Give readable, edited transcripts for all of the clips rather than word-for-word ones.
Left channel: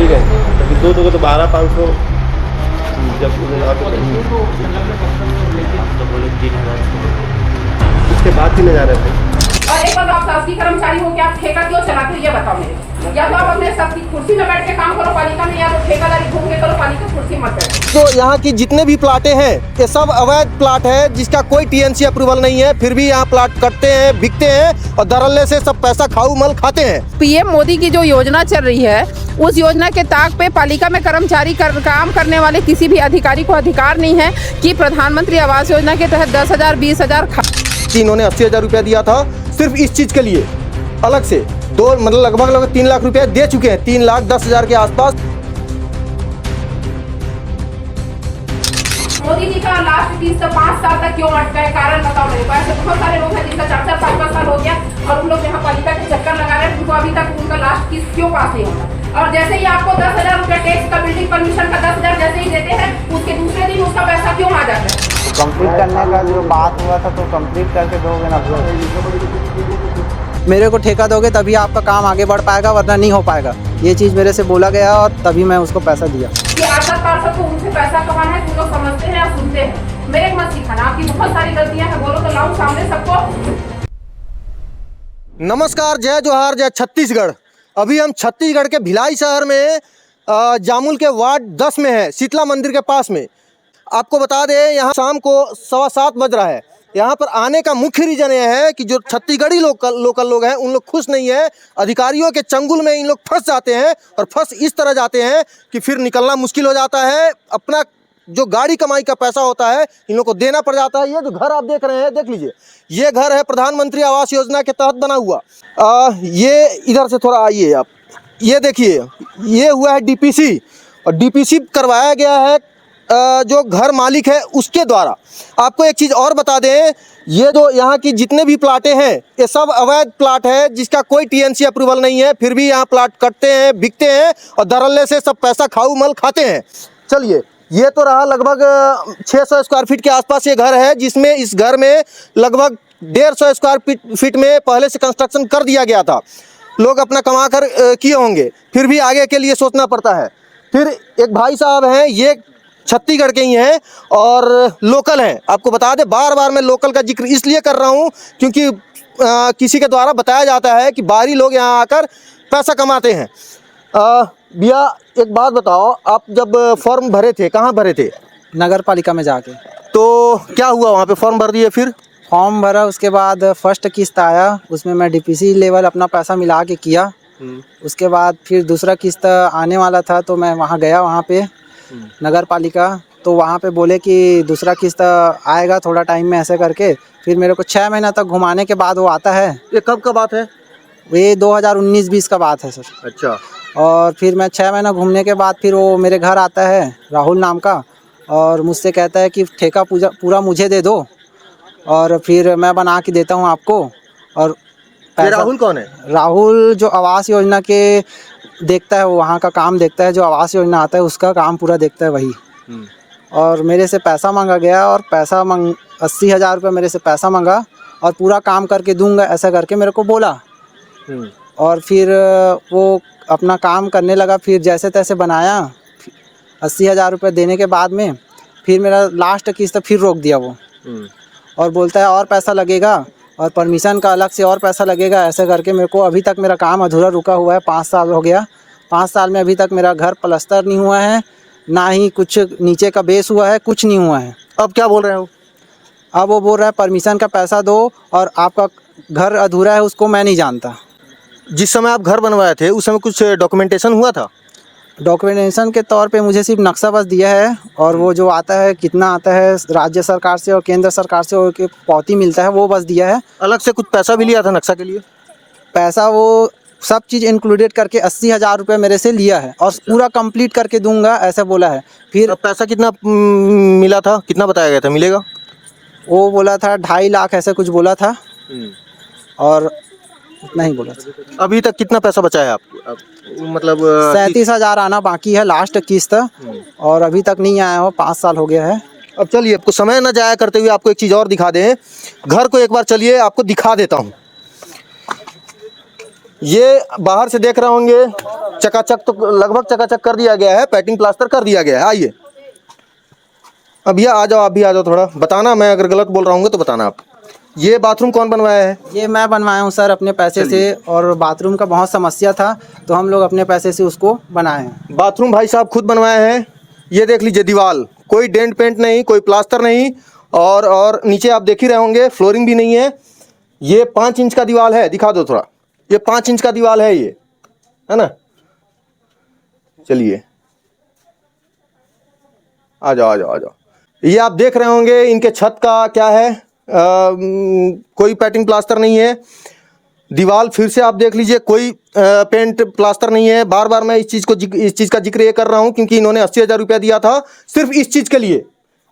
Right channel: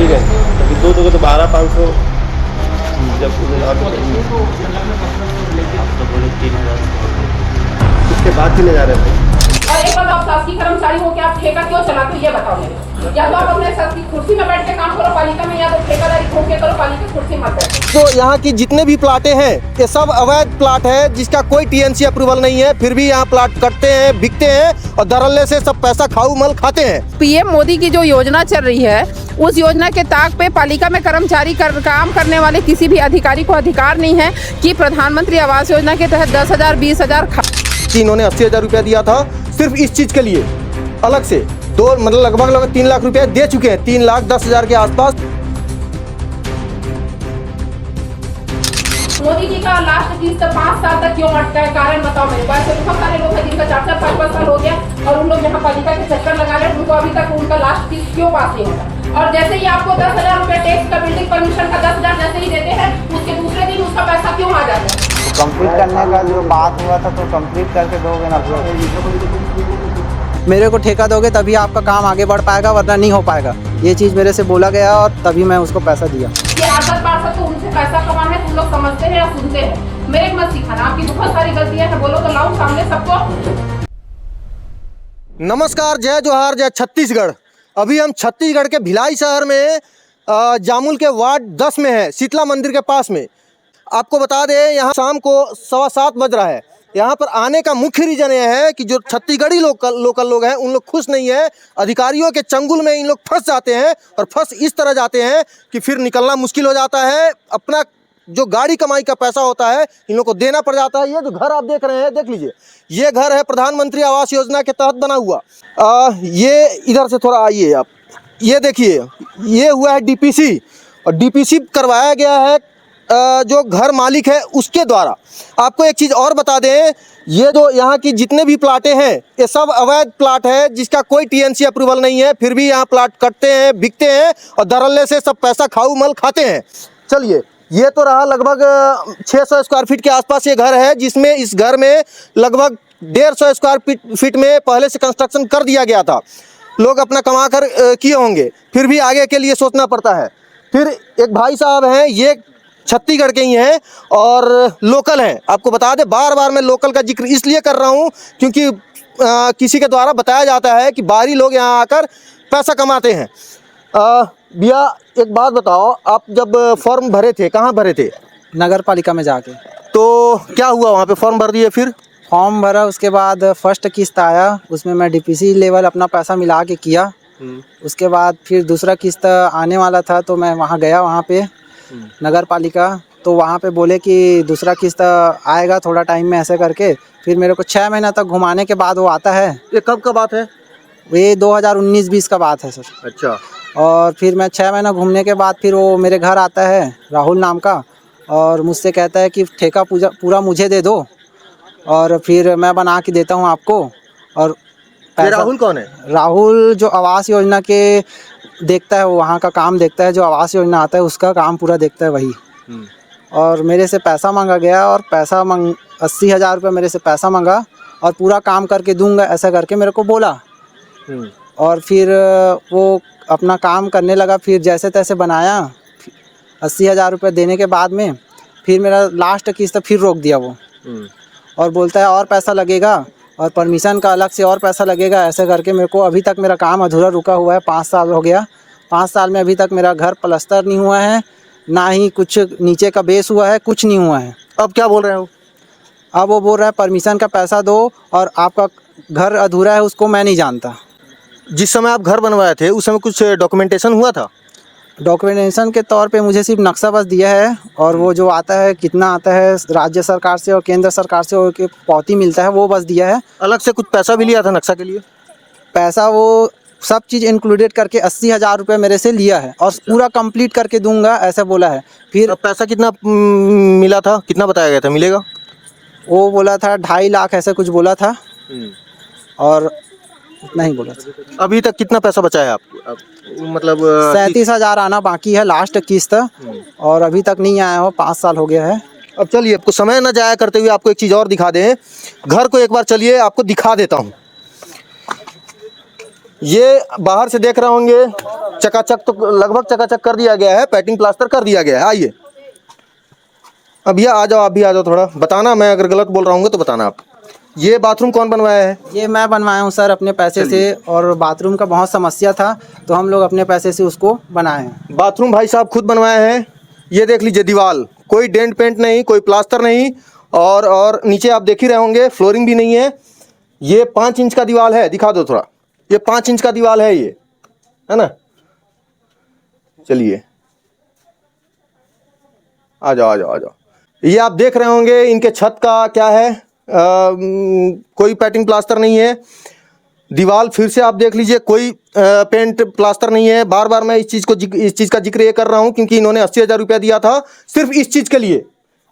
ठीक है, तभी दो दोगे तो 12,500 जब आप तो बोले 3,000 उसके बाद 3,000 है भाई। और एक बार आप शासकीय कर्मचारी हो के आप ठेका क्यों चलाते हो ये बताओ मेरे को। या तो आप अपने शासकीय कुर्सी में बैठ के काम करो पालिका में, या तो ठेकेदारी घूम के करो, पालिका कुर्सी मत बैठो। तो यहाँ की जितने भी प्लाटें हैं ये सब अवैध प्लाट है, जिसका कोई टीएनसी अप्रूवल नहीं है, फिर भी यहाँ प्लाट कटते हैं, बिकते हैं और धड़ल्ले से सब पैसा खाऊ मल खाते हैं। पीएम मोदी की जो योजना चल रही है उस योजना के ताक पे पालिका में कर्मचारी काम करने वाले किसी भी अधिकारी को अधिकार नहीं है कि प्रधानमंत्री आवास योजना के तहत 10,000 20,000 इन्होंने 80,000 रुपया दिया था सिर्फ इस चीज के लिए, अलग से दो मतलब लगभग 3 लाख रुपया दे चुके हैं, 3,10,000 के आसपास। मोदी जी का लास्ट 30 से 5 साल तक क्यों अटका है, कारण बताओ मेरे को। ऐसे बहुत सारे लोग हैं जिनका 4-4 5-5 साल हो गया और उन लोग यहाँ पालिका के चक्कर लगा रहे हैं, उनको अभी तक उनका लास्ट किस्त क्यों पास नहीं होता। और जैसे ही आपको 10,000 रुपया टैक्स का बिल्डिंग परमिशन का 10,000 जैसे ही देते हैं, उसके दूसरे दिन उसका पैसा क्यों आ जाता है। कंप्लीट करने का जो बात हुआ था तो कंप्लीट करके दोगे ना ब्रो। मेरे को ठेका दोगे तभी आपका काम आगे बढ़ पाएगा, वरना नहीं हो पाएगा। ये चीज़ मेरे से बोला गया और तभी मैं उसको पैसा दिया। ये पार्षद तो उनसे पैसा कमाना है, तुम लोग समझते हैं या सुनते हैं। मेरे मत सिखाना, आपकी बहुत सारी गलतियां हैं, बोलो तो लाओ सामने सबको। नमस्कार, जय जोहार, जय छत्तीसगढ़। अभी हम छत्तीसगढ़ के भिलाई शहर में जामुल के वार्ड 10 में है, शीतला मंदिर के पास में। आपको बता दें यहाँ शाम को 7:15 बज रहा है। यहाँ पर आने का मुख्य रीज़न यह है कि जो छत्तीसगढ़ी लोकल लोग हैं उन लोग खुश नहीं है। अधिकारियों के चंगुल में इन लोग फंस जाते हैं और फंस इस तरह जाते हैं कि फिर निकलना मुश्किल हो जाता है। अपना जो गाड़ी कमाई का पैसा होता है इन लोग को देना पड़ जाता है। ये जो घर आप देख रहे हैं, देख लीजिए, ये घर है प्रधानमंत्री आवास योजना के तहत बना हुआ। ये इधर से थोड़ा आइए आप, ये देखिए, ये हुआ है डीपीसी और डीपीसी करवाया गया है जो घर मालिक है उसके द्वारा। आपको एक चीज़ और बता दें, ये जो यहाँ की जितने भी प्लाटें हैं ये सब अवैध प्लाट है, जिसका कोई टीएनसी अप्रूवल नहीं है, फिर भी यहाँ प्लाट कटते हैं, बिकते हैं और धड़ल्ले से सब पैसा खाऊ मल खाते हैं। चलिए, ये तो रहा लगभग 600 स्क्वायर फीट के आसपास ये घर है, जिसमें इस घर में लगभग 150 स्क्वायर फीट में पहले से कंस्ट्रक्शन कर दिया गया था। लोग अपना कमा कर किए होंगे, फिर भी आगे के लिए सोचना पड़ता है। फिर एक भाई साहब हैं, ये छत्तीसगढ़ के ही हैं और लोकल हैं। आपको बता दें, बार बार मैं लोकल का जिक्र इसलिए कर रहा हूं क्योंकि किसी के द्वारा बताया जाता है कि बाहरी लोग यहाँ आकर पैसा कमाते हैं। भैया एक बात बताओ, आप जब फॉर्म भरे थे कहाँ भरे थे? नगर पालिका में जाके। तो क्या हुआ वहाँ पे, फॉर्म भर दिए? फिर फॉर्म भरा, उसके बाद फर्स्ट किस्त आया, उसमें मैं डीपीसी लेवल अपना पैसा मिला के किया। उसके बाद फिर दूसरा किस्त आने वाला था तो मैं वहाँ गया, वहाँ पे नगर पालिका, तो वहाँ पे बोले कि दूसरा किस्त आएगा थोड़ा टाइम में, ऐसे करके फिर मेरे को 6 महीना तक घुमाने के बाद वो आता है। ये कब का बात है? ये 2019-20 का बात है सर। अच्छा। और फिर मैं 6 महीना घूमने के बाद फिर वो मेरे घर आता है, राहुल नाम का, और मुझसे कहता है कि ठेका पूरा मुझे दे दो और फिर मैं बना के देता हूँ आपको। और राहुल कौन है? राहुल जो आवास योजना के देखता है, वो वहाँ का काम देखता है, जो आवास योजना आता है उसका काम पूरा देखता है वही। और मेरे से पैसा मांगा गया और 80,000 रुपये मेरे से पैसा मांगा और पूरा काम करके दूंगा ऐसा करके मेरे को बोला। और फिर वो अपना काम करने लगा, फिर जैसे तैसे बनाया। 80,000 रुपये देने के बाद में फिर मेरा लास्ट किस्त फिर रोक दिया वो, और बोलता है और पैसा लगेगा और परमिशन का अलग से और पैसा लगेगा, ऐसे करके मेरे को अभी तक मेरा काम अधूरा रुका हुआ है। 5 साल हो गया, 5 साल में अभी तक मेरा घर प्लास्टर नहीं हुआ है, ना ही कुछ नीचे का बेस हुआ है, कुछ नहीं हुआ है। अब क्या बोल रहे हो? अब वो बोल रहा है परमिशन का पैसा दो और आपका घर अधूरा है, उसको मैं नहीं जानता। जिस समय आप घर बनवाए थे उस समय कुछ डॉक्यूमेंटेशन हुआ था? डॉक्यूमेंटेशन के तौर पे मुझे सिर्फ नक्शा बस दिया है, और वो जो आता है कितना आता है राज्य सरकार से और केंद्र सरकार से और पावती मिलता है वो बस दिया है। अलग से कुछ पैसा भी लिया था नक्शा के लिए? पैसा वो सब चीज़ इंक्लूडेड करके 80,000 रुपये मेरे से लिया है और पूरा कंप्लीट करके दूंगा ऐसा बोला है। फिर पैसा कितना मिला था, कितना बताया गया था मिलेगा? वो बोला था 2.5 लाख ऐसा कुछ बोला था, और उतना ही बोला था। अभी तक कितना पैसा बचा है आपको? मतलब 37,000 आना बाकी है लास्ट किस्त, और अभी तक नहीं आया हो, 5 साल हो गया है। अब चलिए, आपको समय न जाया करते हुए आपको एक चीज़ और दिखा दें। घर को एक बार चलिए आपको दिखा देता हूँ। ये बाहर से देख रहे होंगे चकाचक, तो लगभग चकाचक कर दिया गया है, पैकिंग प्लास्टर कर दिया गया है। आइए अब ये आ जाओ, आप भी आ जाओ, थोड़ा बताना, मैं अगर गलत बोल रहा हूँ तो बताना आप। ये बाथरूम कौन बनवाया है? ये मैं बनवाया हूँ सर अपने पैसे से, और बाथरूम का बहुत समस्या था तो हम लोग अपने पैसे से उसको बनाए हैं। बाथरूम भाई साहब खुद बनवाया है। ये देख लीजिए दीवार, कोई डेंट पेंट नहीं, कोई प्लास्टर नहीं, और नीचे आप देख ही रहे होंगे फ्लोरिंग भी नहीं है। ये 5 इंच का दीवार है, दिखा दो थोड़ा, ये 5 इंच का दीवार है, ये है ना। चलिए आ जाओ आ जाओ आ जाओ। ये आप देख रहे होंगे इनके छत का क्या है, कोई पैटिंग प्लास्टर नहीं है। दीवार फिर से आप देख लीजिए, कोई पेंट प्लास्टर नहीं है। बार बार मैं इस चीज़ का जिक्र ये कर रहा हूँ क्योंकि इन्होंने 80,000 रुपया दिया था सिर्फ इस चीज़ के लिए,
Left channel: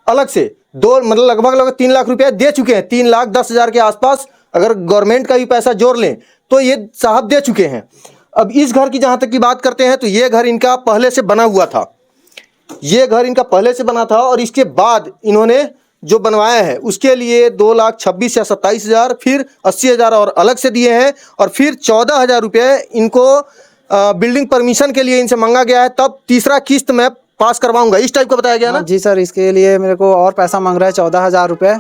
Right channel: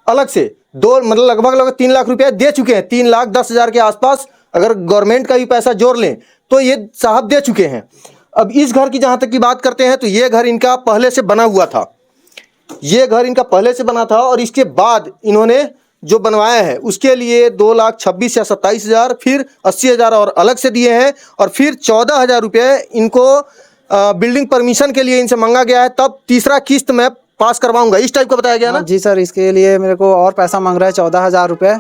अलग से मतलब लगभग 3 लाख रुपया दे चुके हैं, 3,10,000 के आसपास। अगर गवर्नमेंट का भी पैसा जोड़ लें तो ये साहब दे चुके हैं। अब इस घर की जहाँ तक की बात करते हैं तो ये घर इनका पहले से बना हुआ था, ये घर इनका पहले से बना था, और इसके बाद इन्होंने जो बनवाया है उसके लिए 2,26,000 या 27,000, फिर 80,000 और अलग से दिए हैं, और फिर 14,000 रुपये इनको बिल्डिंग परमिशन के लिए इनसे मांगा गया है। तब तीसरा किस्त मैं पास करवाऊंगा, इस टाइप का बताया गया ना? जी सर, इसके लिए मेरे को और पैसा मांग रहा है 14,000 रुपये,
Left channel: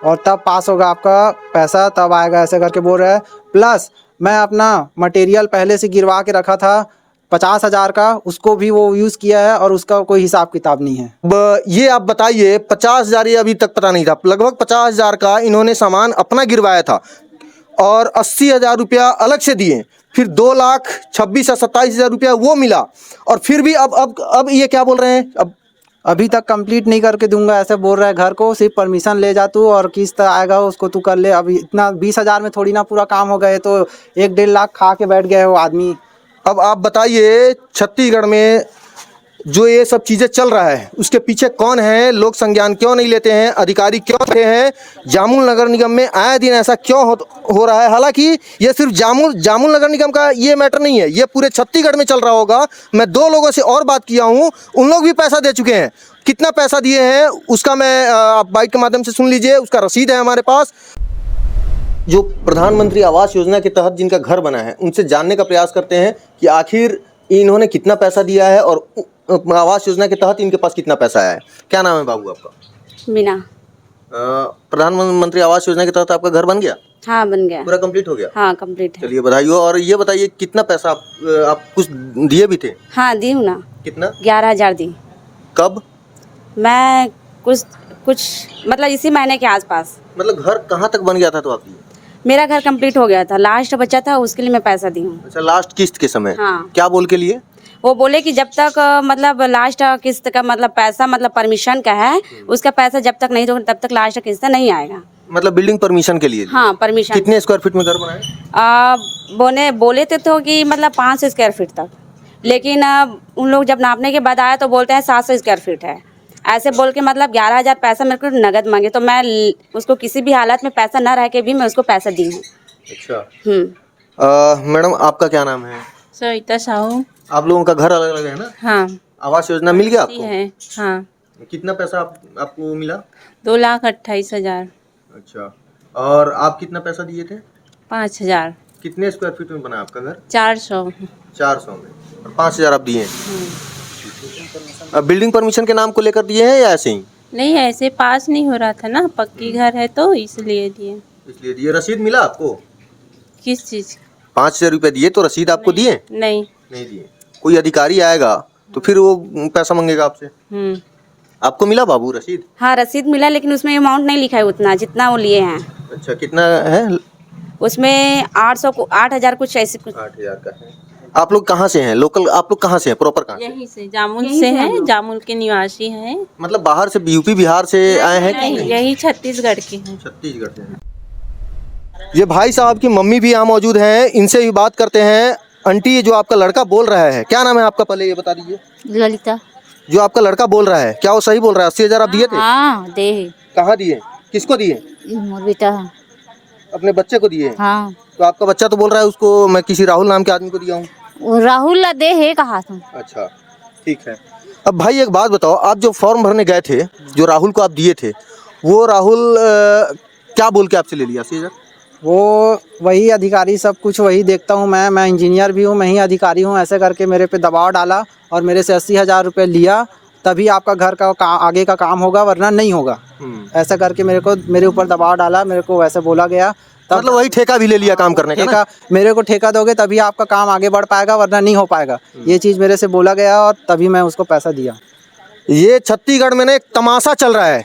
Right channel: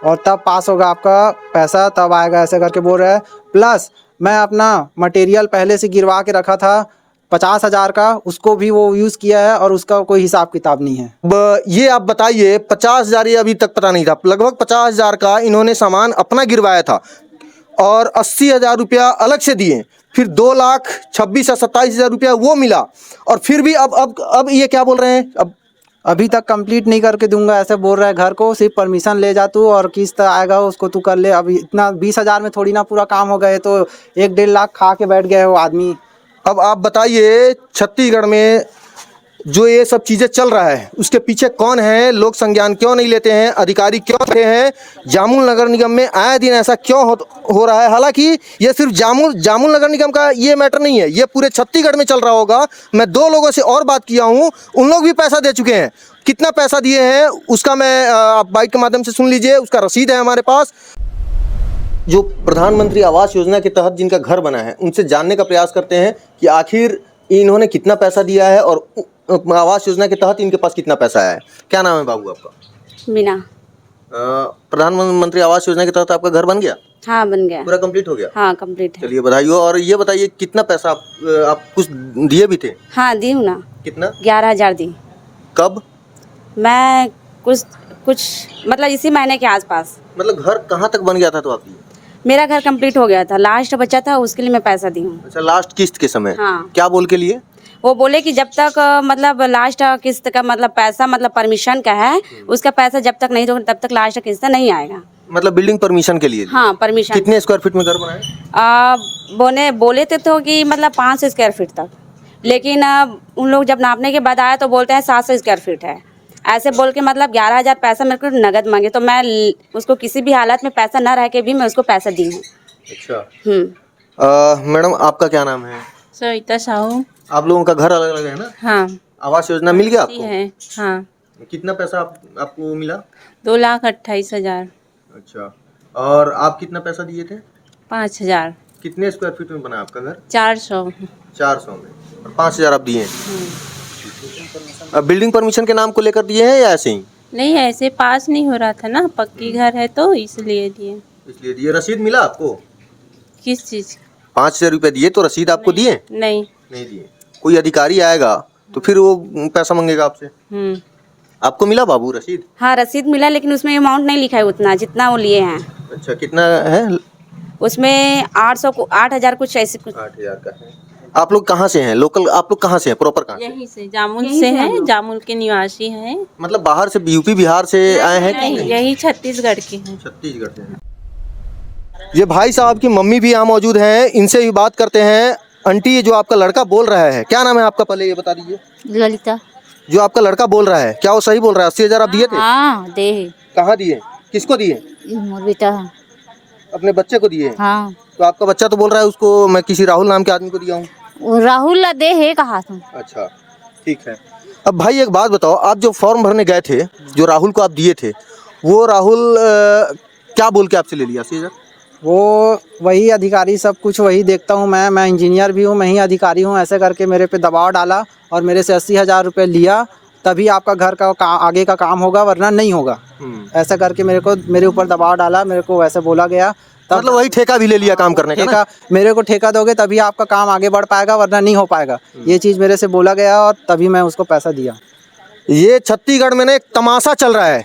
और तब पास होगा आपका पैसा, तब आएगा, ऐसे करके बोल रहा है। प्लस मैं अपना मटेरियल पहले से गिरवा के रखा था 50,000 का, उसको भी वो यूज़ किया है और उसका कोई हिसाब किताब नहीं है। ये आप बताइए, 50,000 ये अभी तक पता नहीं था, लगभग 50,000 का इन्होंने सामान अपना गिरवाया था, और 80,000 रुपया अलग से दिए, फिर 2,26,000 या 27,000 रुपया वो मिला, और फिर भी अब ये क्या बोल रहे हैं, अभी तक कंप्लीट नहीं करके दूंगा, ऐसे बोल रहे हैं। घर को सिर्फ परमिशन ले जा तू, और किस्त आएगा उसको तू कर ले। अब इतना 20,000 में थोड़ी ना पूरा काम हो गए, तो 1-1.5 लाख खा के बैठ गए वो आदमी। अब आप बताइए छत्तीसगढ़ में जो ये सब चीजें चल रहा है उसके पीछे कौन है? लोग संज्ञान क्यों नहीं लेते हैं? अधिकारी क्यों रहे हैं? जामुल नगर निगम में आए दिन ऐसा क्यों हो रहा है? हालांकि ये सिर्फ जामुल नगर निगम का ये मैटर नहीं है, ये पूरे छत्तीसगढ़ में चल रहा होगा। मैं 2 लोगों से और बात किया हूँ, उन लोग भी पैसा दे चुके हैं। कितना पैसा दिए हैं उसका मैं बाइक के माध्यम से सुन लीजिए, उसका रसीद है हमारे पास। जो प्रधानमंत्री आवास योजना के तहत जिनका घर बना है उनसे जानने का प्रयास करते हैं कि आखिर इन्होंने कितना पैसा दिया है और आवास योजना के तहत इनके पास कितना पैसा आया है। क्या नाम है बाबू आपका? मीना। प्रधानमंत्री आवास योजना के तहत आपका घर बन गया? हाँ बन गया, पूरा कंप्लीट हो गया? हाँ कंप्लीट है। चलिए बधाई हो। और ये बताइए कितना पैसा आप कुछ दिए भी थे? हाँ दी हूँ ना। कितना? 11,000 दी। कब? मैं कुछ मतलब इसी महीने के आसपास। मतलब घर कहाँ तक बन गया था तो आप दिए? मेरा घर कंप्लीट हो गया था, लास्ट बचा था, उसके लिए मैं पैसा दी हूँ। अच्छा, लास्ट किस्त के समय? हाँ। क्या बोल के लिए? वो बोले कि जब तक मतलब लास्ट किस्त का मतलब पैसा मतलब परमिशन का है, उसका पैसा जब तक नहीं दोगे तब तक लास्ट किस्त नहीं आएगा। मतलब बिल्डिंग परमिशन के लिए? हाँ परमिशन। कितने स्क्वायर फीट में घर बनाए? बोले थे तो कि मतलब 5 स्क्वायर फीट तक, लेकिन उन लोग जब नापने के बाद आया तो बोलते हैं 700 स्क्वायर फीट है। ऐसे बोल के मतलब 11,000 पैसा मेरे को नगद मांगे, तो मैं उसको किसी भी हालत में पैसा न रह के भी मैं उसको पैसा दी हूँ। अच्छा। मैडम आपका क्या नाम है? सविता साहू। आप लोगों का घर अलग अलग है ना? हाँ। आवास योजना मिल गया आपको? है। हाँ। कितना पैसा आपको मिला? 2,28,000। अच्छा। और आप कितना पैसा दिए थे? 5,000। कितने स्क्वायर फीट में बना आपका घर? 400। 400 में, और 5,000 आप दिए? अब बिल्डिंग परमिशन के नाम को लेकर दिए हैं या ऐसे ही? नहीं, ऐसे पास नहीं हो रहा था ना, पक्की घर है तो इसलिए दिए। इसलिए दिए। रसीद मिला आपको? किस चीज? 5,000 रुपये दिए तो रसीद आपको दिए? नहीं दिए। कोई अधिकारी आएगा तो फिर वो पैसा मांगेगा आपसे। आपको मिला बाबू रसीद? हाँ रसीद मिला, लेकिन उसमें अमाउंट नहीं लिखा है उतना जितना वो लिए हैं। अच्छा, कितना है उसमें? 8,000 कुछ ऐसे कुछ। 8,000 का है। आप लोग कहाँ से हैं? लोकल आप लोग कहाँ से हैं? प्रॉपर कहाँ? यहीं से, जामुल से है, जामुल के निवासी हैं। मतलब बाहर से यूपी बिहार से आए हैं? यही छत्तीसगढ़ के हैं। छत्तीसगढ़ से हैं। ये भाई साहब की मम्मी भी यहाँ मौजूद हैं, इनसे भी बात करते हैं। आंटी, ये जो आपका लड़का बोल रहा है, क्या नाम है आपका? पहले ये बता दीजिए। ललिता। जो आपका लड़का बोल रहा है, क्या वो सही बोल रहा है? 80,000 आप दिए थे? हाँ दे। कहाँ दिए? किसको दिए? मोर बेटा। अपने बच्चे को दिए? हाँ। तो आपका बच्चा तो बोल रहा है उसको मैं किसी राहुल नाम के आदमी को दिया हूँ। राहुल ला दे है कहा तुम? अच्छा ठीक है। अब भाई एक बात बताओ, आप जो फॉर्म भरने गए थे, जो राहुल को आप दिए थे, वो राहुल क्या बोल के आपसे ले लिया? 80,000 वो वही अधिकारी, सब कुछ वही देखता हूँ मैं इंजीनियर भी हूँ, मैं ही अधिकारी हूँ। ऐसे करके मेरे पे दबाव डाला और मेरे से 80,000 रुपये लिया, तभी आपका घर का आगे का काम होगा, वरना नहीं होगा। ऐसा करके मेरे ऊपर दबाव डाला, मेरे को वैसे बोला गया। तब मतलब वही ठेका भी ले लिया काम करने का ना? ठेका, मेरे को ठेका दोगे तभी आपका काम आगे बढ़ पाएगा, वरना नहीं हो पाएगा। ये चीज़ मेरे से बोला गया और तभी मैं उसको पैसा दिया। ये छत्तीसगढ़ में ना एक तमाशा चल रहा है।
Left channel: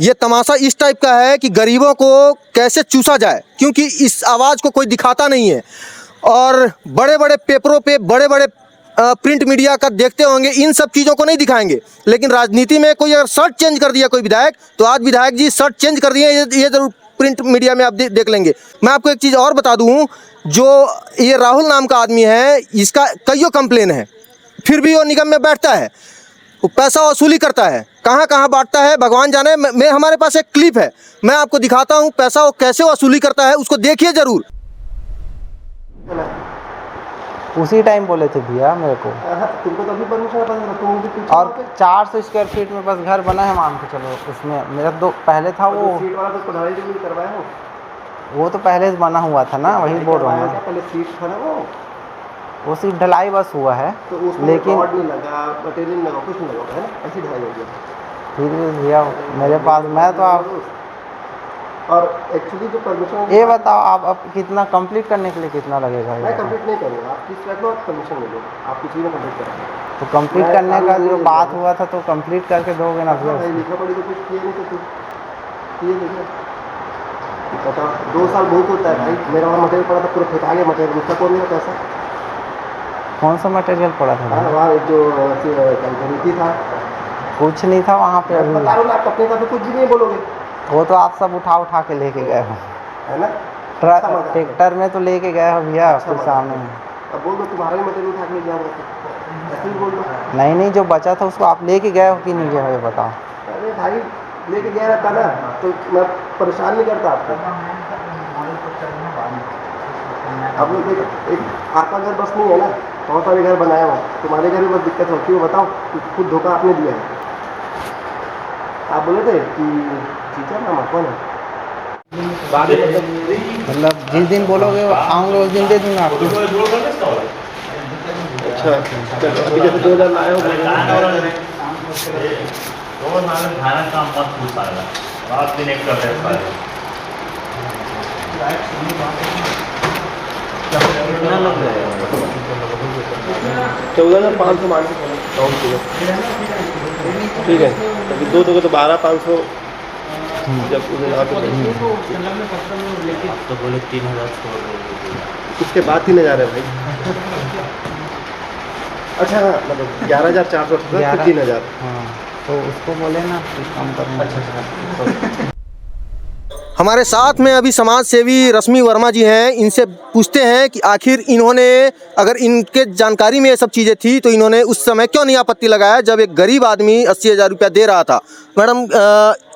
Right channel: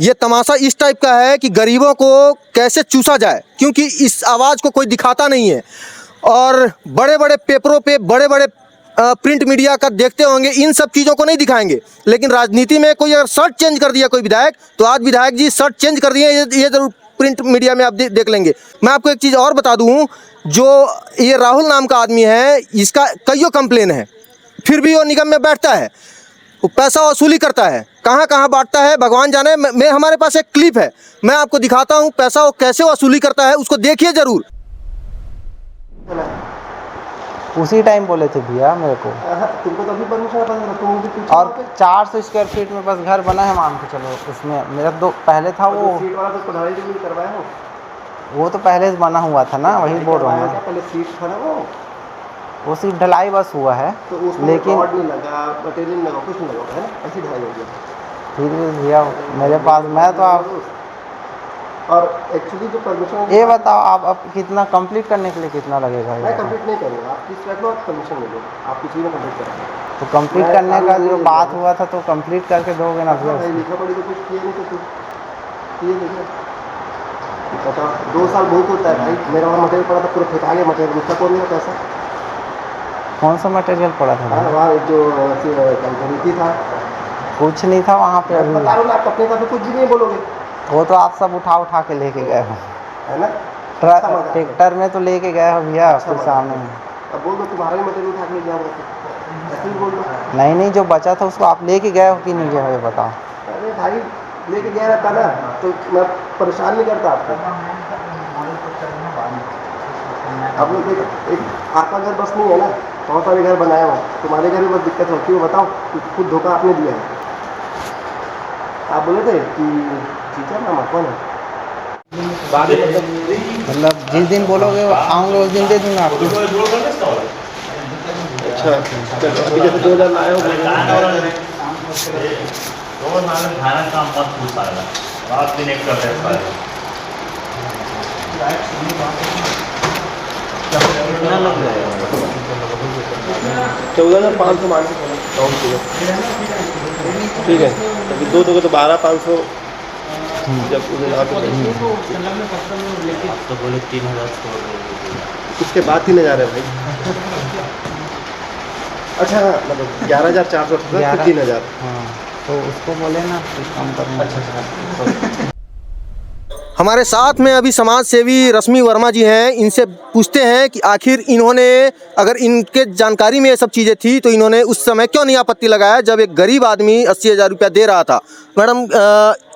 ये तमाशा इस टाइप का है कि गरीबों को कैसे चूसा जाए, क्योंकि इस आवाज़ को कोई दिखाता नहीं है। और बड़े बड़े पेपरों पे बड़े बड़े प्रिंट मीडिया का देखते होंगे, इन सब चीज़ों को नहीं दिखाएंगे। लेकिन राजनीति में कोई अगर शर्ट चेंज कर दिया कोई विधायक, तो आज विधायक जी शर्ट चेंज कर दिए, ये जरूर प्रिंट मीडिया में आप देख लेंगे। मैं आपको एक चीज़ और बता दूं, जो ये राहुल नाम का आदमी है, इसका कईयों कंप्लेन है, फिर भी वो निगम में बैठता है, वो पैसा वसूली करता है। कहाँ कहाँ बांटता है भगवान जाने। मैं हमारे पास एक क्लिप है, मैं आपको दिखाता हूँ पैसा वो कैसे वसूली करता है, उसको देखिए ज़रूर। उसी टाइम बोले थे भैया मेरे को। तुमको तो अभी परमिशन पता तुम भी कुछ और 400 स्क्वायर फीट में बस घर बना है, मान के चलो। उसमें मेरा दो पहले था वो सीट वाला तो पढ़ाई भी नहीं करवाया हो। वो तो पहले से बना हुआ था ना, वही बोल रहा हूँ मैं। पहले सीट था ना वो सिर्फ ढलाई बस हुआ है, तो उसमें लेकिन रॉड नहीं लगा, मटेरियल नहीं लगा, कुछ नहीं लगा, है ना? ऐसी ढलाई हो गया। फिर भी भैया मेरे पास, मैं तो आप और एक्चुअली जो परमिशन, ये बताओ आप अब कितना कंप्लीट करने के लिए कितना लगेगा? मैं कंप्लीट नहीं करूँगा, आप किस रख लो, आप परमिशन ले लो, आप कुछ भी ना कंप्लीट करेंगे। तो कंप्लीट करने का जो बात हुआ था, तो कंप्लीट करके दोगे ना भैया? लिखा पड़ी तो कुछ किए नहीं, तो कुछ किए नहीं। बताओ, 2 साल बहुत होता है भाई। मेरा वहाँ मटेरियल पड़ा था, पूरा फेंका गया मटेरियल, उसका कौन नहीं पैसा? कौन सा मटेरियल पड़ा था? हाँ, वहाँ जो कंपनी था, कुछ नहीं था वहाँ पे अभी। बता रहा हूँ ना, आप अपने साथ कुछ भी नहीं बोलोगे, वो तो आप सब उठा के लेके गए हो, है ना? ट्रैक्टर में तो लेके गए हो भैया आपके सामने। अब बोल दो तुम्हारा ही मटेरियल उठा के ले जाऊँगा, तो ऐसे ही बोल दो। नहीं, जो बचा था उसको आप लेके गए हो कि नहीं गए हो, ये बताओ। अरे भाई, लेके गया रहता ना तो मैं परेशान नहीं करता आपको। आप लोग एक आपका घर बस नहीं है ना, बहुत सारे घर बनाया हो, तुम्हारे घर में बस दिक्कत होती है। बताओ, खुद धोखा आपने दिया है। आप बोले थे कि टीचर नाम कौन है, मतलब जिस दिन बोलोगे आऊँगा उस दिन दे दूँगा आपको। अच्छा, अभी जैसे 2000 लाए हो, कितना लग जाएगा? 14,500 मान के चलो, ठीक है। अभी 2 दोगे तो 12,500। जब उधर तो बोले 3,000 उसके बाद 3,000 है भाई। अच्छा, मतलब 11,400 फिर 3,000। हाँ, तो उसको बोले ना कुछ कम करना। अच्छा। हमारे साथ में अभी समाज सेवी रश्मि वर्मा जी हैं, इनसे पूछते हैं कि आखिर इन्होंने, अगर इनके जानकारी में ये सब चीज़ें थी, तो इन्होंने उस समय क्यों नहीं आपत्ति लगाया जब एक गरीब आदमी 80,000 रुपया दे रहा था। मैडम,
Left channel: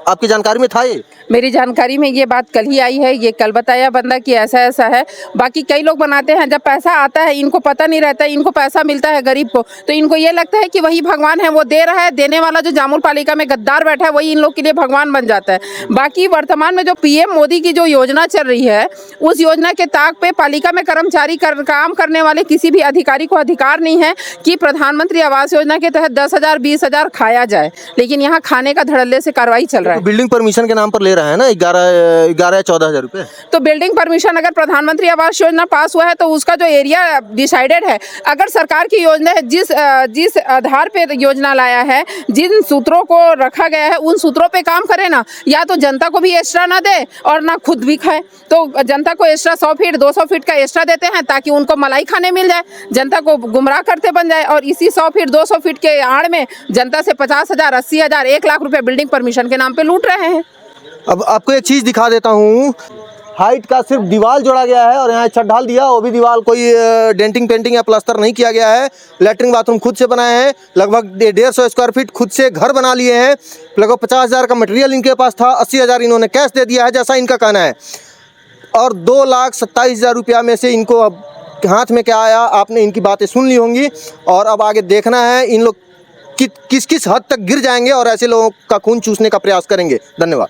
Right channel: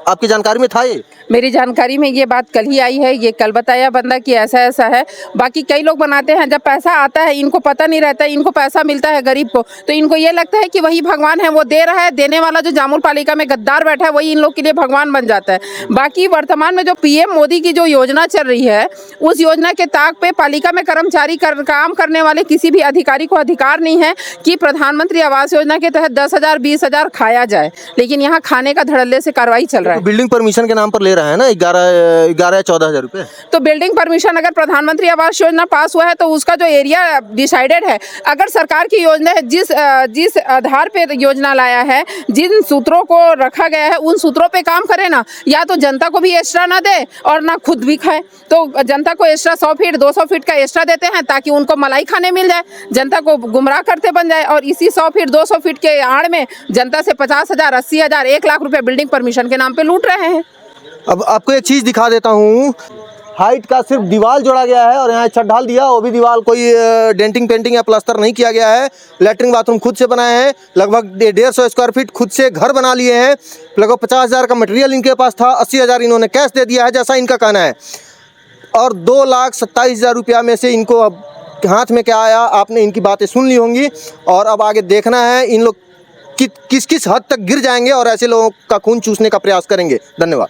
आपकी जानकारी में था ये? मेरी जानकारी में ये बात कल ही आई है, ये कल बताया बंदा कि ऐसा ऐसा है। बाकी कई लोग बनाते हैं, जब पैसा आता है इनको पता नहीं रहता, इनको पैसा मिलता है गरीब को, तो इनको ये लगता है कि वही भगवान है, वो दे रहा है, देने वाला जो जामुल पालिका में गद्दार बैठा है वही इन लोग के लिए भगवान बन जाता है। बाकी वर्तमान में जो पीएम मोदी की जो योजना चल रही है, उस योजना के ताक पे पालिका में कर्मचारी काम करने वाले किसी भी अधिकारी को अधिकार नहीं है कि प्रधानमंत्री आवास योजना के तहत 10,000 20,000 खाया जाए, लेकिन यहाँ खाने का धड़ल्ले से कार्रवाई चल रहा है। बिल्डिंग परमिशन के नाम पर ले रहा है ना 11 या 14,000 रुपये। तो बिल्डिंग परमिशन अगर प्रधानमंत्री आवास योजना पास हुआ है तो उसका जो एरिया डिसाइडेड है, अगर सरकार की योजना है, जिस आधार पे योजना लाया है, जिन सूत्रों को रखा गया है, उन सूत्रों पे काम करे ना, या तो जनता को भी एक्स्ट्रा ना दे और ना खुद भी खाए। तो जनता को एक्स्ट्रा 100 फीट 200 फीट का एक्स्ट्रा देते हैं ताकि उनको मलाई खाने मिल जाए, जनता को गुमराह करते बन जाए, और इसी 100 फीट 200 फीट के आड़ में जनता से 50,000 80,000 1 लाख रुपए बिल्डिंग परमिशन के नाम पे लूट रहे हैं। अब आपको एक चीज़ दिखा देता हूँ, हाइट का सिर्फ दीवार जोड़ा गया है और यहाँ छत ढाल दिया, वो भी दीवार कोई डेंटिंग पेंटिंग या प्लास्टर नहीं किया गया है। लैट्रिन बाथरूम खुद से बनाए हैं, लगभग 150 स्क्वायर फीट खुद से घर बना लिए हैं, लगभग 50,000 का मटेरियल इनके पास था, 80,000 इन्होंने कैश दे दिया है जैसा इनका कहना है, और 2,27,000 रुपया में से इनको अब हाथ में क्या आया, आपने इनकी बातें सुन ली होंगी। और अब आगे देखना है इन लोग किस किस हद तक गिर जाएंगे और ऐसे लोगों का खून चूसने का प्रयास करेंगे। धन्यवाद।